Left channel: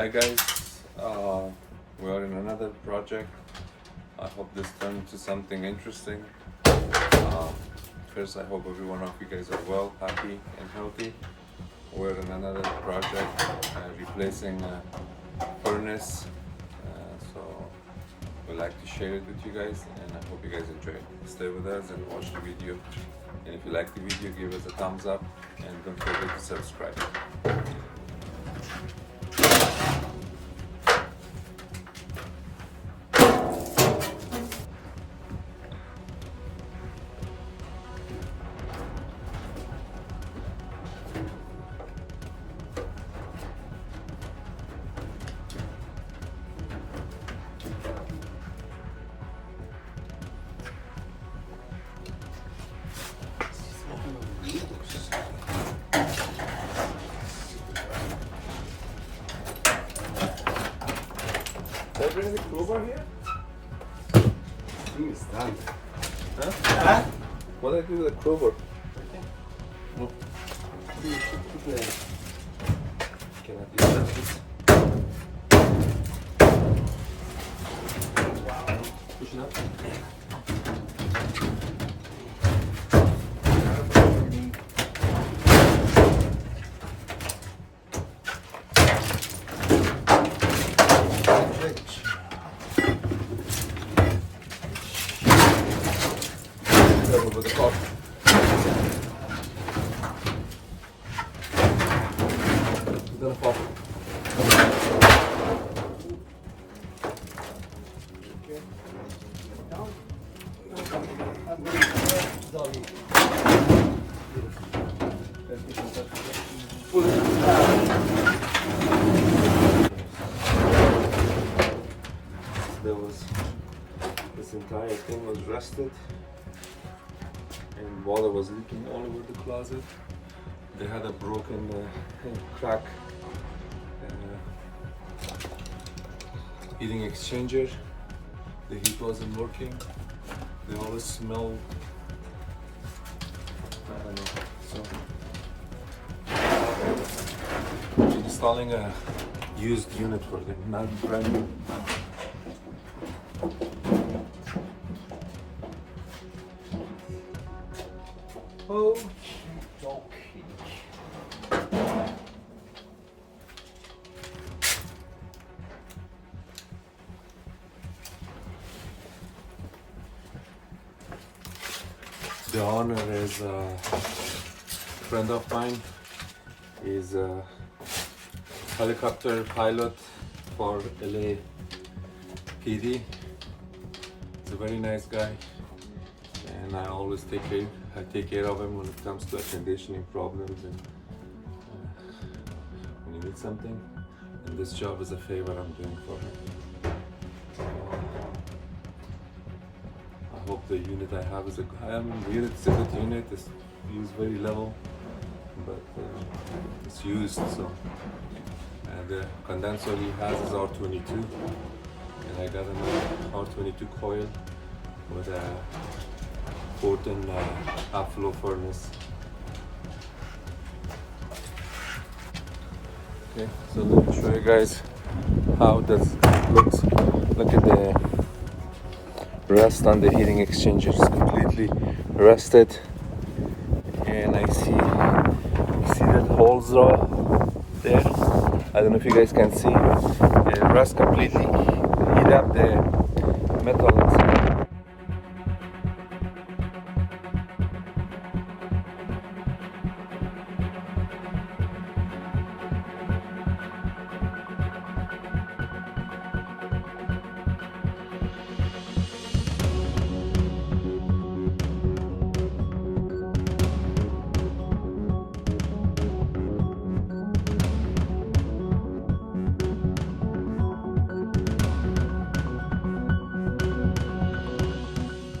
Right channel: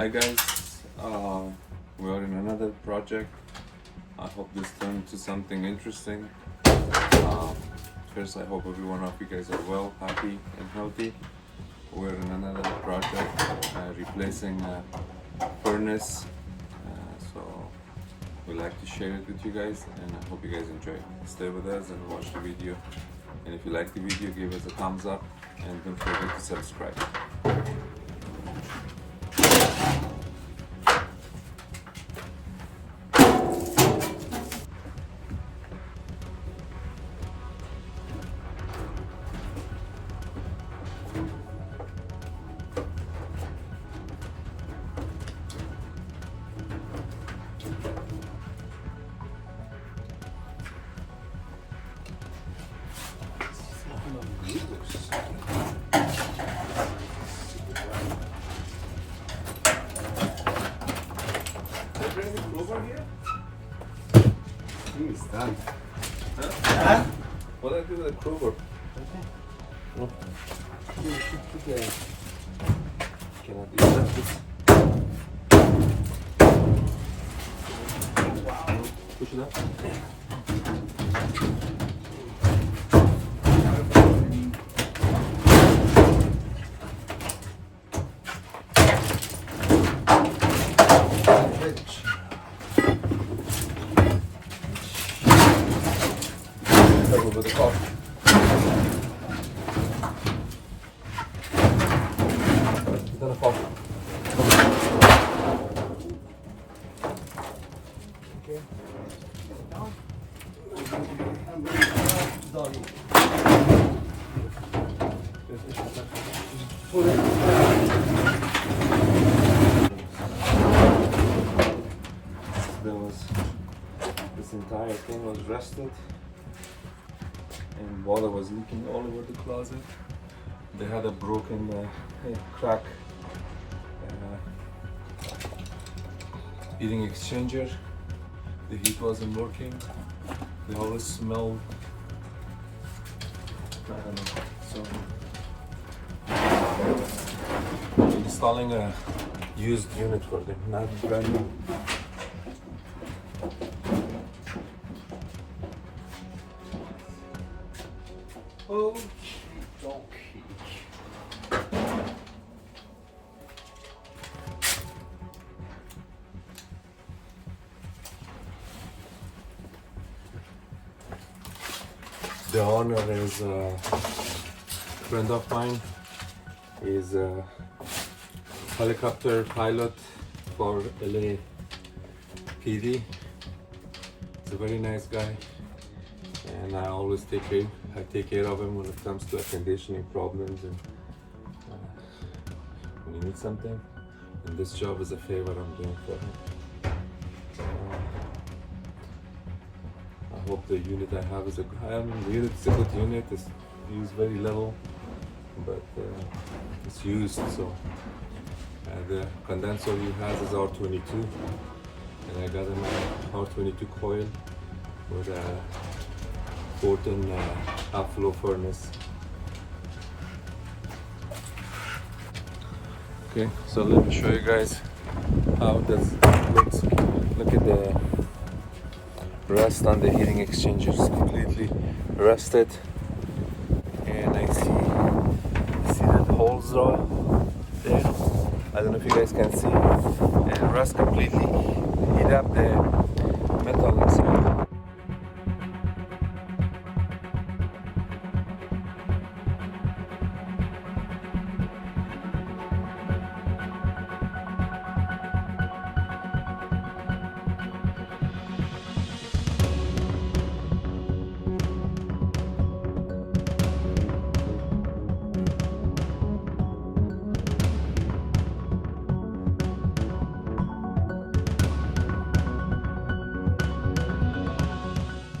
Hi guys, we are in another project. I hope this turned into something interesting. First, I hope every one of you guys are well, happy, and healthy. We're in another project, replacing a furnace. So we like to share it with you guys, and I hope you guys enjoy it. Stay with us and watch the video. And if you like the video, give us a thumbs up, and don't forget to subscribe. It's done. Huh? What did I do with the crowbar? Oh. You should put the... Cannot do that. Wow. Push it up. Over the top. It's gonna pop. Okay. Down. Doggy. Pull it. This entire thing was rusted. And water was leaking all over the closet. They had a broken crack heating exchanger. The heat wasn't working. They always smelled, I don't know. So installing a used unit for them, not brand new. Okay. The owner is a friend of mine. He's a helicopter pilot for LA PD. He's a very nice guy, and I always take care of him when it comes to air conditioning problems and when you need something. And this job is a favor I'm doing for him. I hope the unit I have is the unit is a good unit. It's used very level, but it's used. So the condenser he has is R22, and I got him an R22 coil with a 4-ton half-flow furnace. Okay, so let me show you guys how this looks. Look at the rust on the heating exchanger. It's completely rusted, and I see that holes are there. I don't know if you guys can see. The rust completely heat up the metal inside.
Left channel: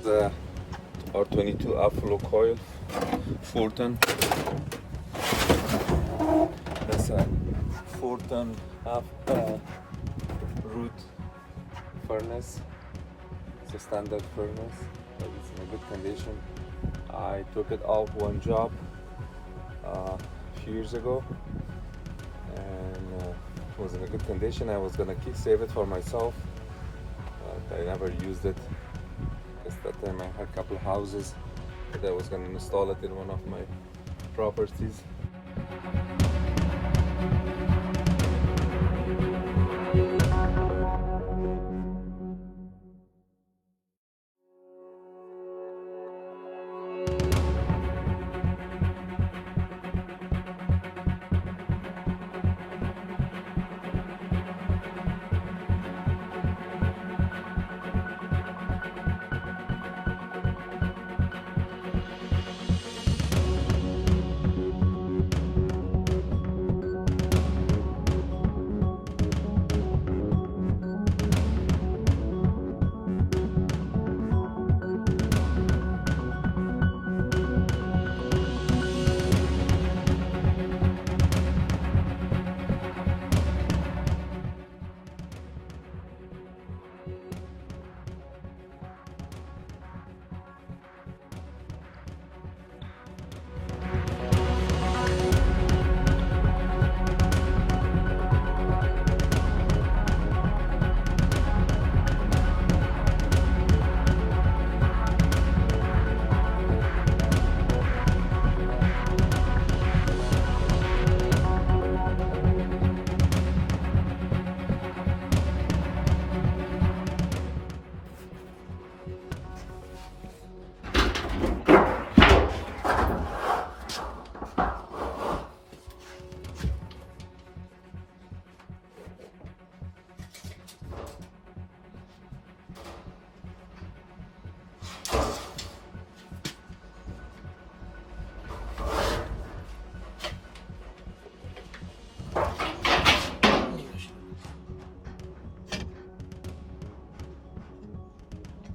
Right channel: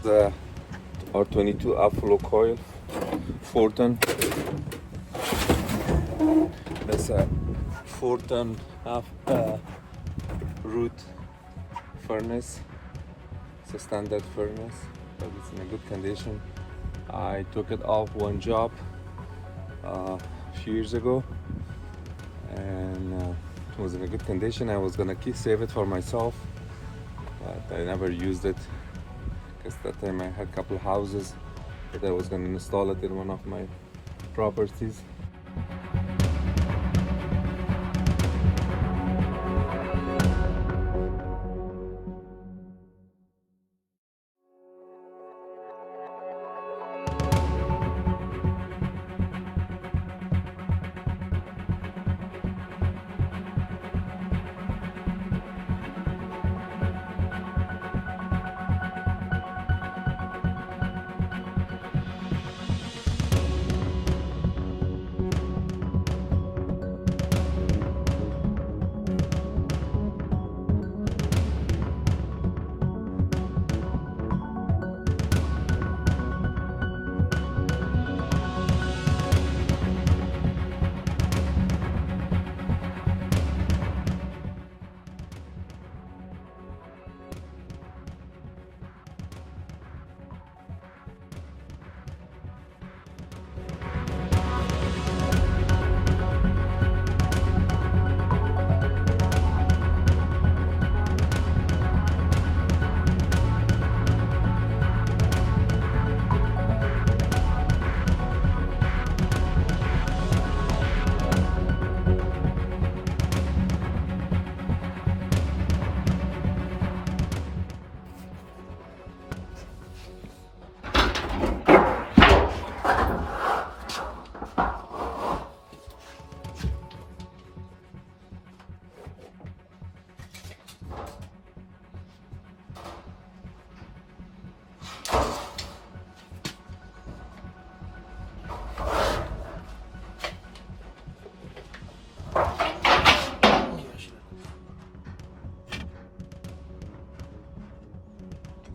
The R22 half-flow coil, 4-ton. That's a 4-ton root furnace. It's a standard furnace. It's in a good condition. I took it off one job a few years ago, and It was in a good condition. I was gonna save it for myself, but I never used it. Because that time I had a couple houses that I was gonna install it in one of my properties.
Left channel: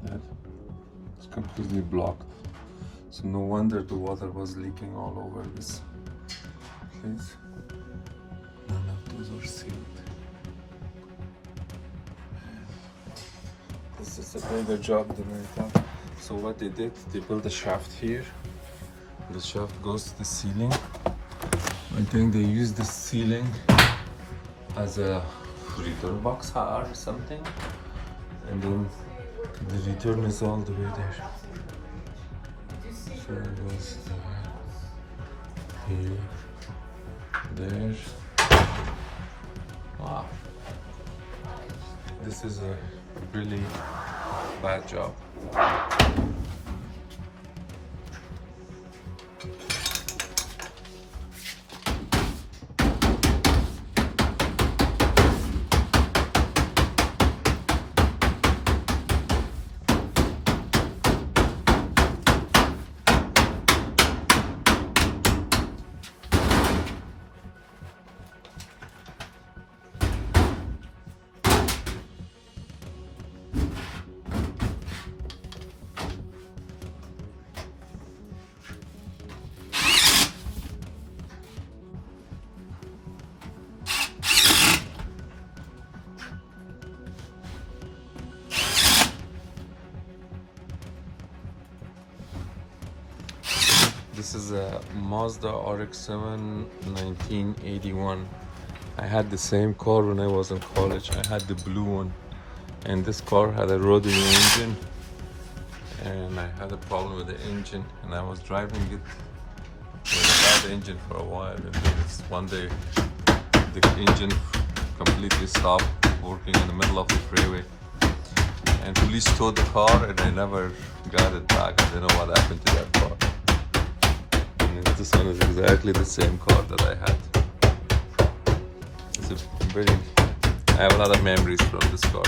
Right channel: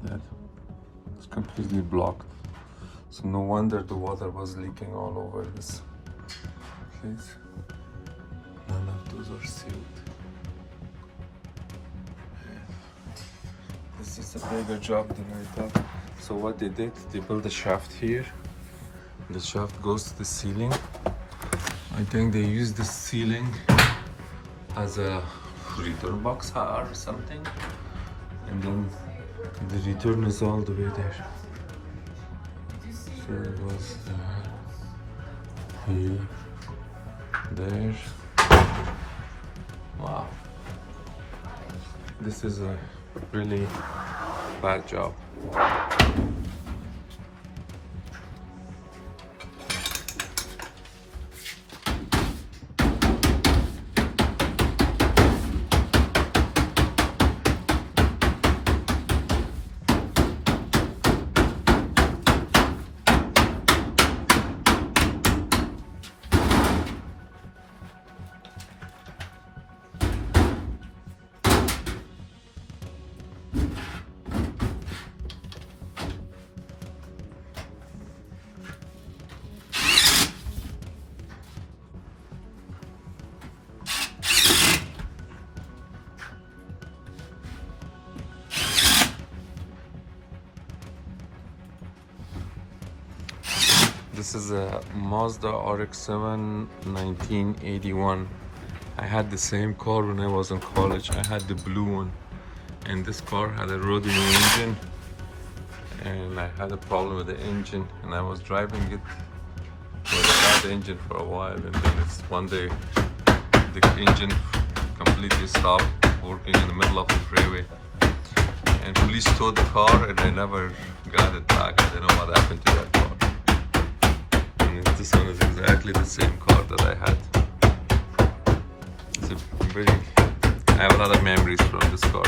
That it's completely blocked, so no wonder the water was leaking all over this case. None of those are sealed. This is a bigger job than I thought. So what they did, they built a shaft here. The shaft goes to the ceiling. I think they used the ceiling as a return box or something, and then the return is all the way there. So it was here, there. Wow. This is a really bad job. This is a Mazda RX-7 1981. I had the same car when I was in college. I had the blue one, and this car had a rotary engine, and I had a problem with the engine, and I was driving it with a bad engine for a while, and then one day the engine completely stopped working in the middle of the freeway, and police towed the car, and I never got it back. I don't know what happened to that car. This one is exactly the same car that I had. It's I have a lot of memories from this car.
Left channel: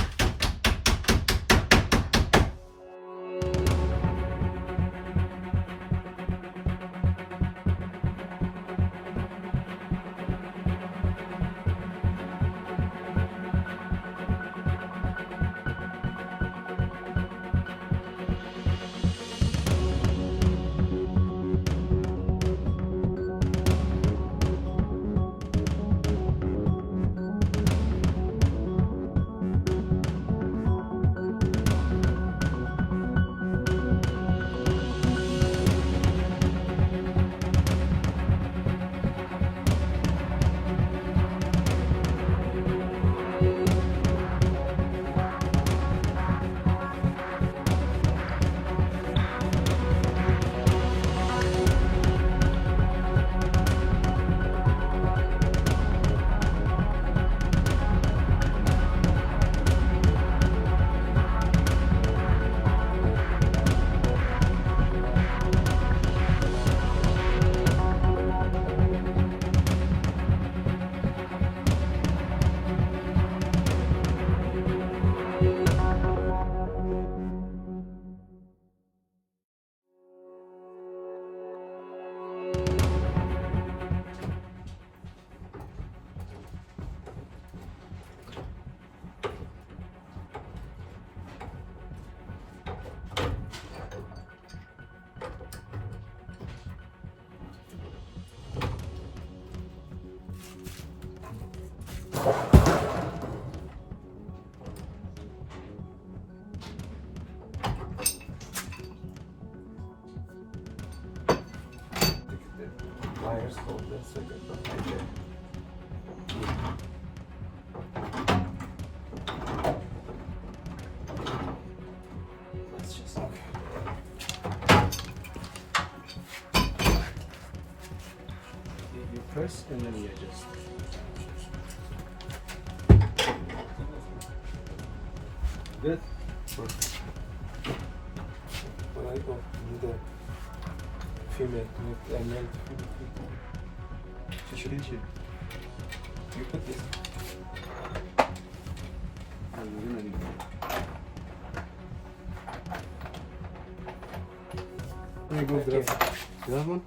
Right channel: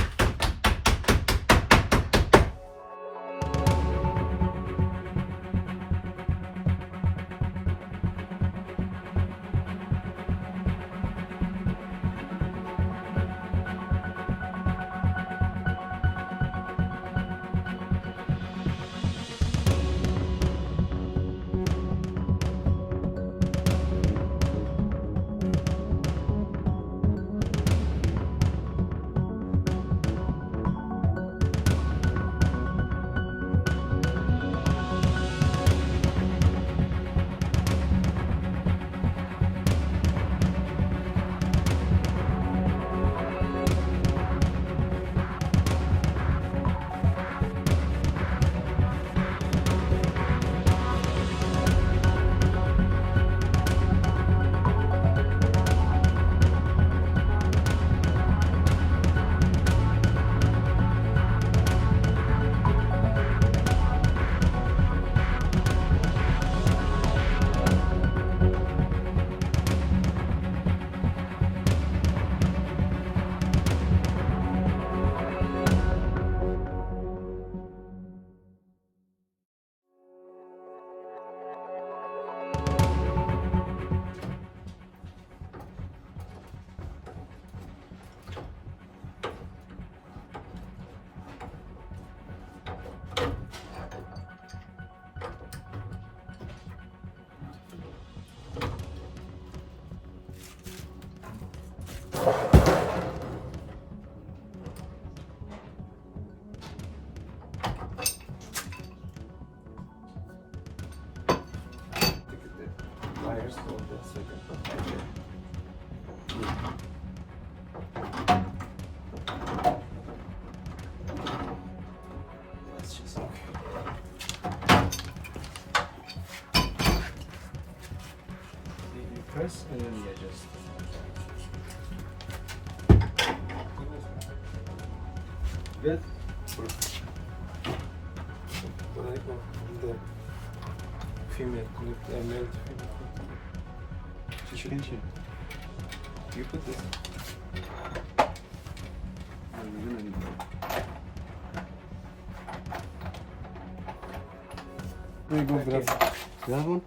Wires hold that second. Okay. Let's just look. You press and then you adjust. Good. Perfect. What I got in the female, I made it female. You put this. You go grab that one.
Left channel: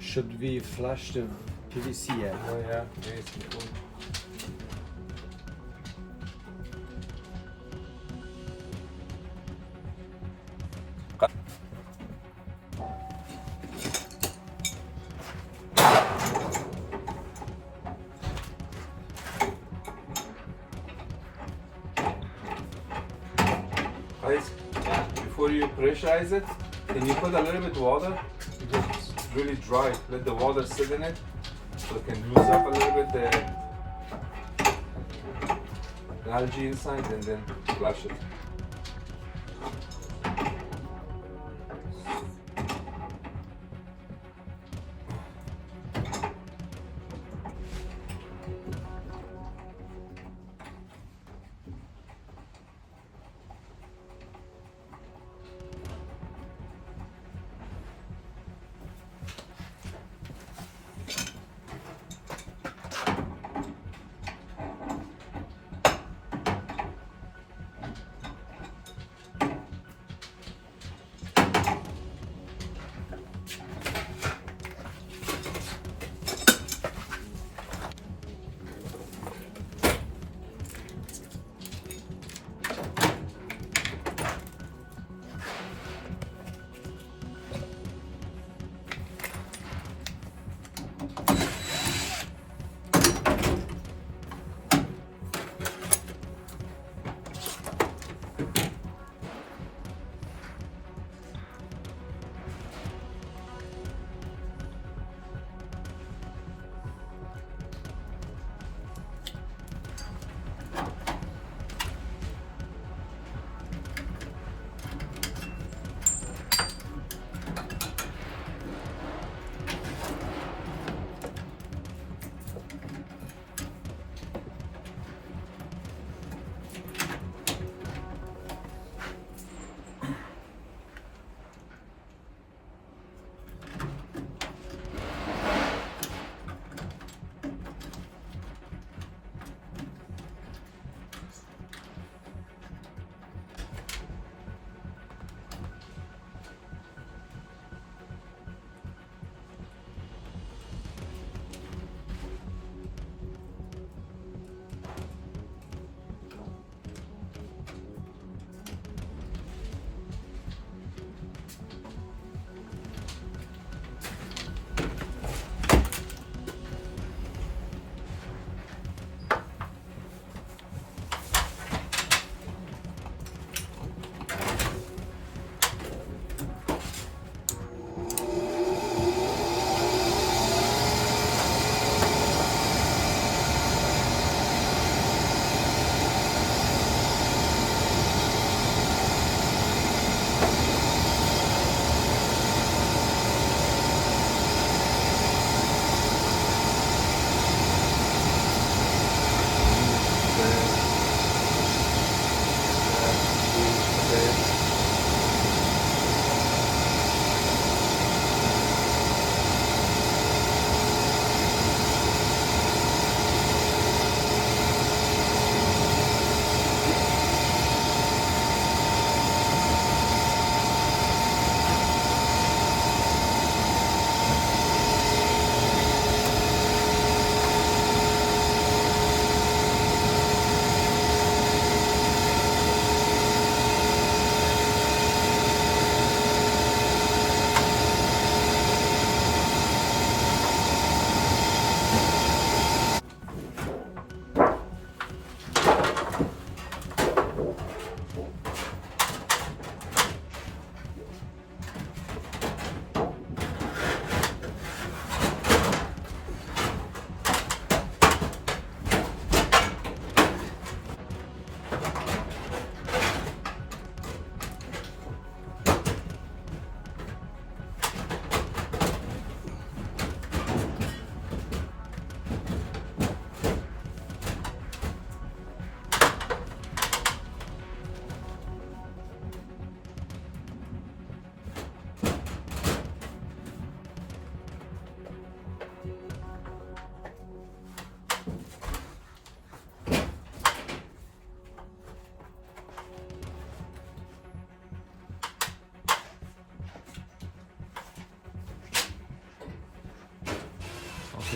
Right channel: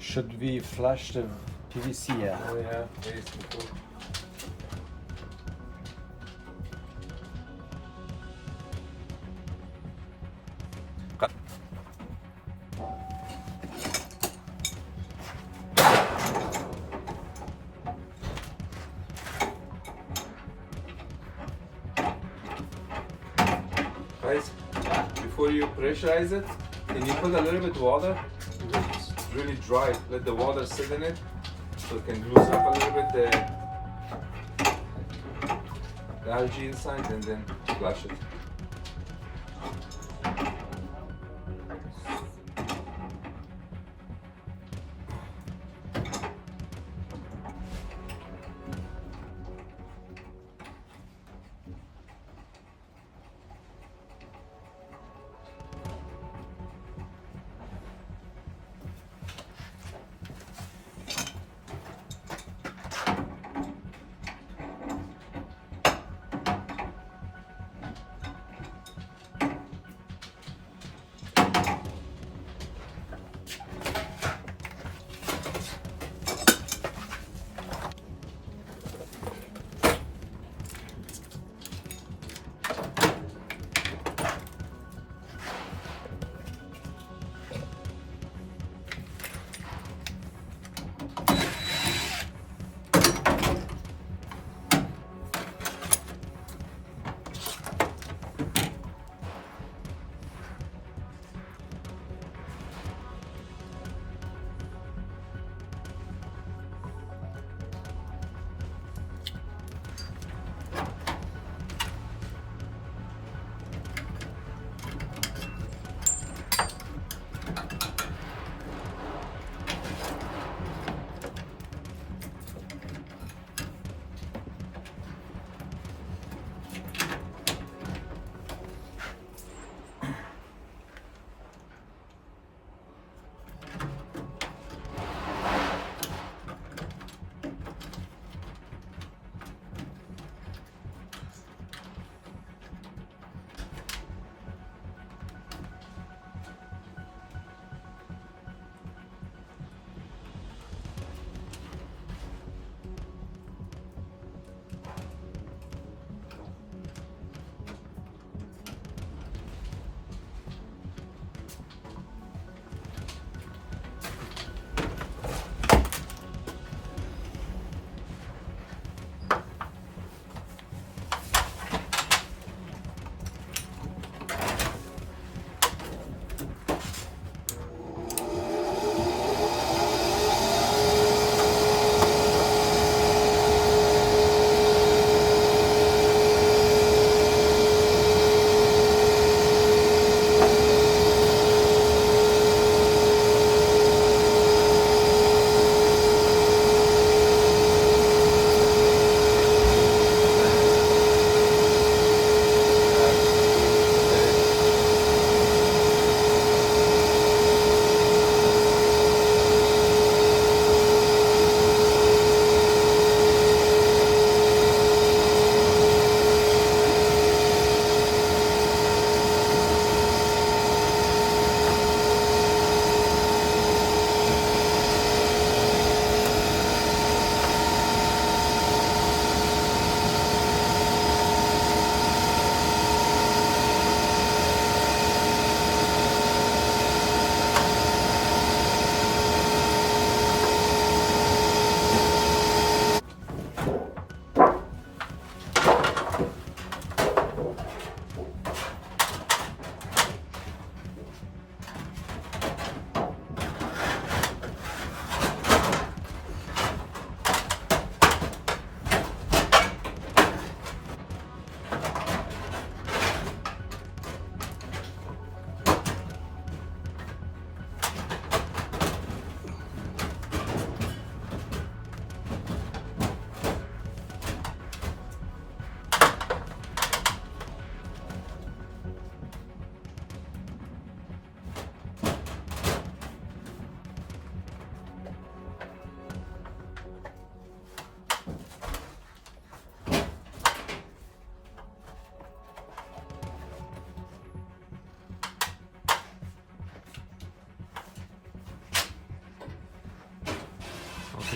Should we flush the PVC? Yeah. Oh yeah, very simple. Guys, before you pressurize it, can you put a little bit water? Just really dry. Let the water sit in it so it can loosen up a little bit the algae inside and then flush it.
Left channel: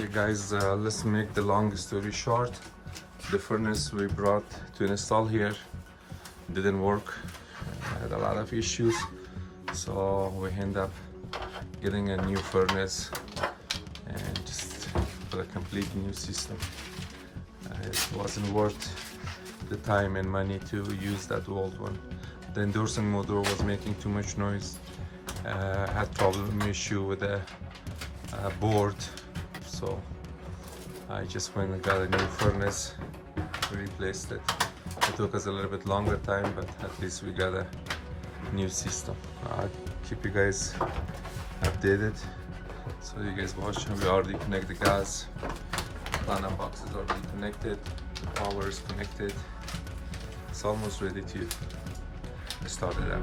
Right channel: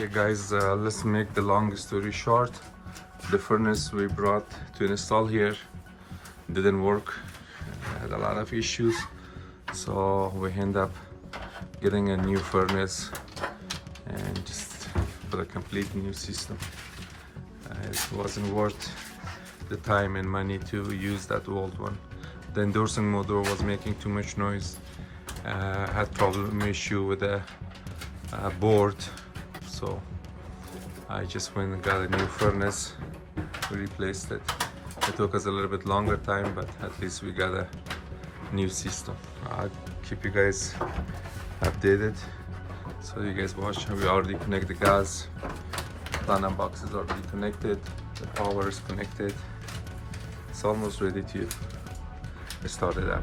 Okay guys, let's make the long story short. The furnace we brought to install here didn't work. Had a lot of issues, so we end up getting a new furnace and just put a complete new system. It wasn't worth the time and money to use that old one. The endorsing motor was making too much noise. Had problem issue with the board, so I just went and got a new furnace. We replaced it. It took us a little bit longer time, but at least we got a new system. I'll keep you guys updated. So you guys watch. We already connect the gas. Platinum box is already connected. The power is connected. It's almost ready to start it up.